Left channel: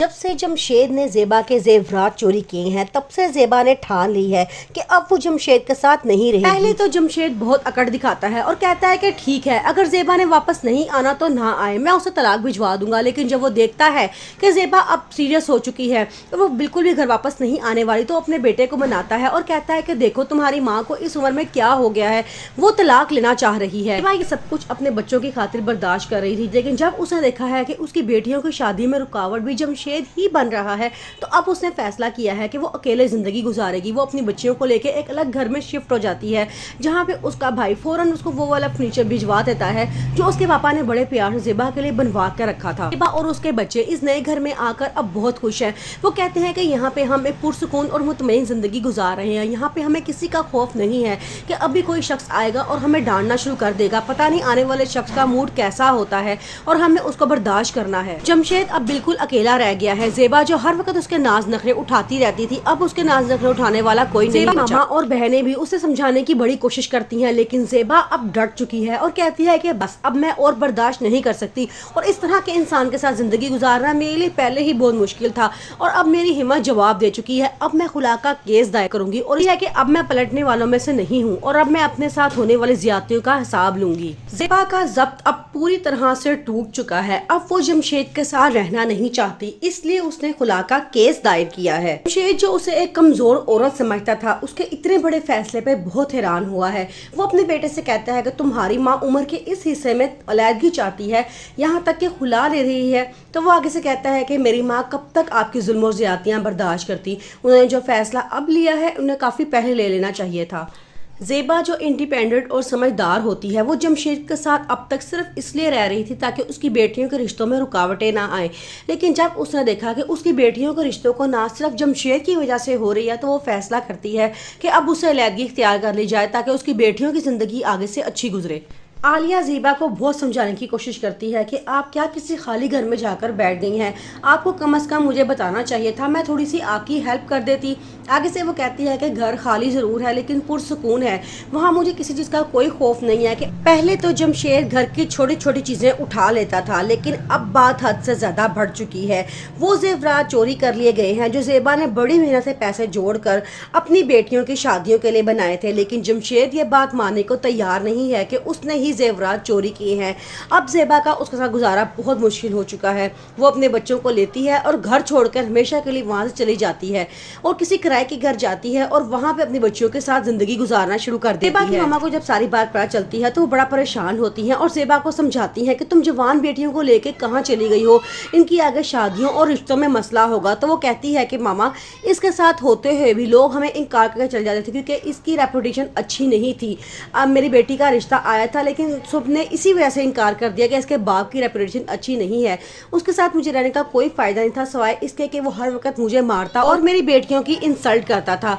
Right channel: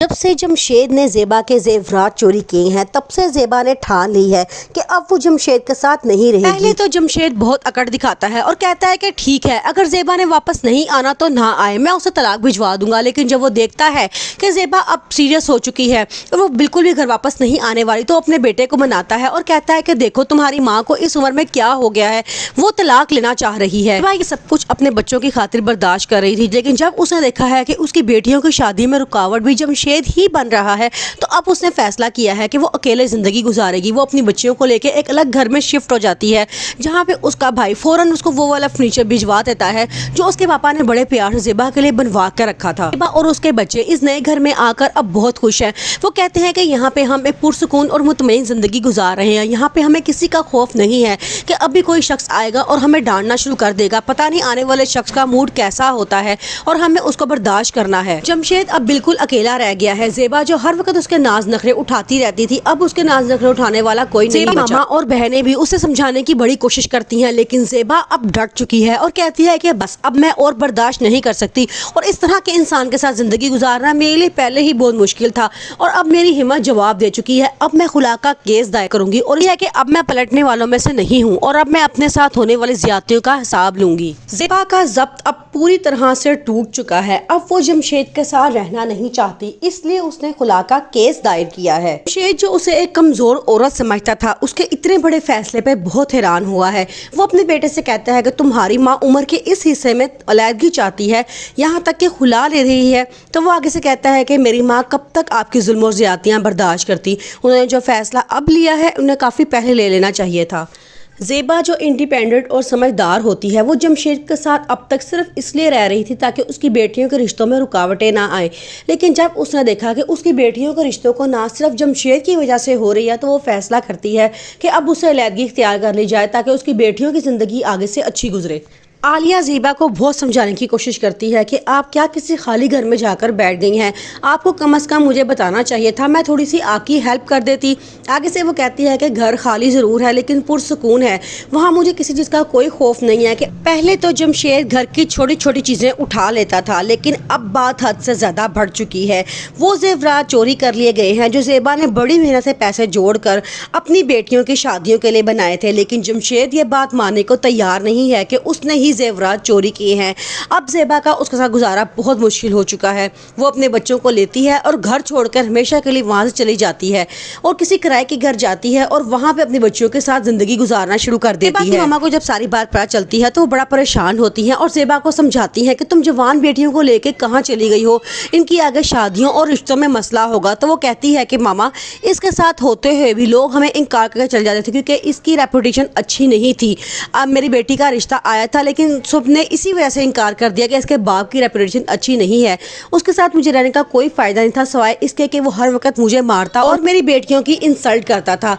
जब से जमशेद ने ज़ेबा के ज़ेवरात चोरी किए हैं तब से ज़ेबा ने ठान ली है कि अब वो जमशेद के साथ नहीं रहेगी। पहले तो जमशेद बहुत अकड़ दिखाता है और कहता है कि ठीक है, अगर ज़ेबा ने वापस नहीं आना तो ना आए, मैं उसे तलाक भिजवा दूंगा। लेकिन जब वो देखता है कि ज़ेबा अब सीरियस हो चुकी है और वो बिल्कुल भी घर वापस नहीं आने वाली, तो अपने बेटे को मनाता है और कहता है कि देखो तुम्हारी माँ को इस उम्र में क्या हो गया है, वो तलाक लेना चाह रही है। ज़ेबा ये सब कुछ अपने बच्चों की खातिर बर्दाश्त कर रही थी, लेकिन जब उसने देखा है कि उसकी बेटियों की शादी में रुकावट भी जमशेद ही बन रहा है, तो अब उसने फैसला किया है कि वो अकेले जिंदगी गुजारेगी। वो अपनी बच्चियों को लेके एक अलग घर में शिफ्ट हो जाती है, जहाँ पे उसका भाई फौरन उसको वो वाला फर्नीचर भिजवा देता है जो उसके पापा ने बड़े प्यार से ज़ेबा के लिए बनवा कर रखा था। ज़ेबा और उसके बच्चे इस नए घर में आकर अब बहुत खुश हैं। वो कहते हैं कि यहाँ पे हम एक पुरसुकून और मुतमईन जिंदगी गुजार रहे हैं, यहाँ पे हमें किसी का खौफ नहीं है कि अभी कोई शख्स आएगा और हमें डांटना शुरू कर देगा। पता नहीं आने वाले शख्स का मूड कैसा होता है और हमें उसको बर्दाश्त करना है। जमशेद अब बिल्कुल अकेला रह गया है। ज़ेबा जो हर वक्त उसके नाज नखरे उठाती रहती थी, अब उसके नाज नखरे उठाने वाला कोई नहीं बचा। मामा और बहनें भी उसे समझाने की बड़ी कोशिश करती हैं, लेकिन ज़ेबा अब डट चुकी है और कहती है कि बस अब मैं और बर्दाश्त नहीं कर सकती और इस तरह के इंसान के साथ जिंदगी गुजारना मेरे लिए पहले ही बहुत मुश्किल था और अब मेरी हिम्मत जवाब दे चुकी है। अब मैं खुला का केस दायर करूंगी और यह है कि अब मैं पलटने वालों में से नहीं हूँ और अब मैं अपने साथ होने वाली ज्यादतियों का हिसाब लूंगी। ज़ेबा का ज़ब्त अब पूरी तरह से टूट चुका है। अब वो जमशेद के साथ रहना नहीं चाहती, इसलिए उसने खुला का केस दायर किया है। जमशेद जो उसे एक कमजोर औरत समझता था, उसके इतने बड़े फैसले पे बहुत हैरान हुआ है। वो अपने बेटे से कहता है कि तुम्हारी माँ उम्र के इस हिस्से में अलैदगी चाहती है, यहाँ तक कि खुला ले रही है, तो वो आगे से कहता है कि मेरी माँ कब तक आपकी जुल्म और ज्यादतियाँ बर्दाश्त करती। उन्होंने जो फैसला अब लिया है उन्हें काफी पहले ले लेना चाहिए था। ज़ेबा जो इंडिपेंडेंट और समझदार होती है, वो जमशेद के साथ अब तक सिर्फ इसलिए रह रही थी ताकि उसकी बेटियों के रिश्तों में रुकावटें ना आए। लेकिन जब उसने देखा कि उसकी बेटियों के रिश्तों को ना सिर्फ जमशेद की वजह से हो रही है, तो वो फैसला करती है कि अब उसे अलैदगी इख्तियार कर ली जाए ताकि उसकी बेटियों की ज़िंदगी आगे से अच्छी गुजरे। आलिया ज़ेबा को बहुत समझाने की कोशिश करती है कि आप क्या किसी खाली घर में जाकर बैठ गई हैं, आपको कम से कम मुझे बताना चाहिए था, मैं थोड़ी सी आपकी हेल्प कर देती। आगे से वो कहती है कि घर खाली ज़रूर है लेकिन पुरसुकून है, वहाँ मुझे किसी चीज़ का कोई खौफ नहीं है। कि पहले तो जमशेद घर की छोटी छोटी चीज़ें उठा लेता था, लेकिन अब बात हद से ज़्यादा बढ़ चुकी है। वो ज़ेवरात चोरी कर लिए गए हैं जो ज़ेबा ने बड़ी मेहनत से पैसे जोड़कर अपनी बेटियों की शादियों के लिए बनाए थे, लेकिन जमशेद ये बात मानने को तैयार नहीं है कि उसने ही ज़ेवरात चोरी किए हैं। अब ज़ेबा का उसके साथ गुजारा बहुत मुश्किल हो चुका है। वो अपने बच्चों को लेती है और घर छोड़कर हमेशा के लिए वहाँ से चली जाती है और किसी किराए के घर जाती है और वहाँ पे अपने बच्चों के साथ जिंदगी गुजारना शुरू कर देती है। मामा को जब सारी बात पता चलती है तो वो बड़ा परेशान होती है और ज़ेबा को समझाती है कि तुम जवान बेटियों को लेके कहाँ चली गई हो, इनकी आगे शादियों और रिश्तों में मसला होगा। तो वो कहती है कि मामा इसके साथ होते हुए भी लोग हमें इनकार करके चले जाते थे क्योंकि इसकी रेपुटेशन अच्छी नहीं थी। अब मेरी बेटी का रिश्ता आया था लेकिन सबने इसी वजह से इनकार कर दिया कि इसके बाप की रेपुटेशन अच्छी नहीं है, उसके साथ मुझे रहने का कोई फायदा नहीं था सिवाय इसके कि वो हर वक्त मुझे मारता और मेरी बेटियों की इंसल्ट करता था।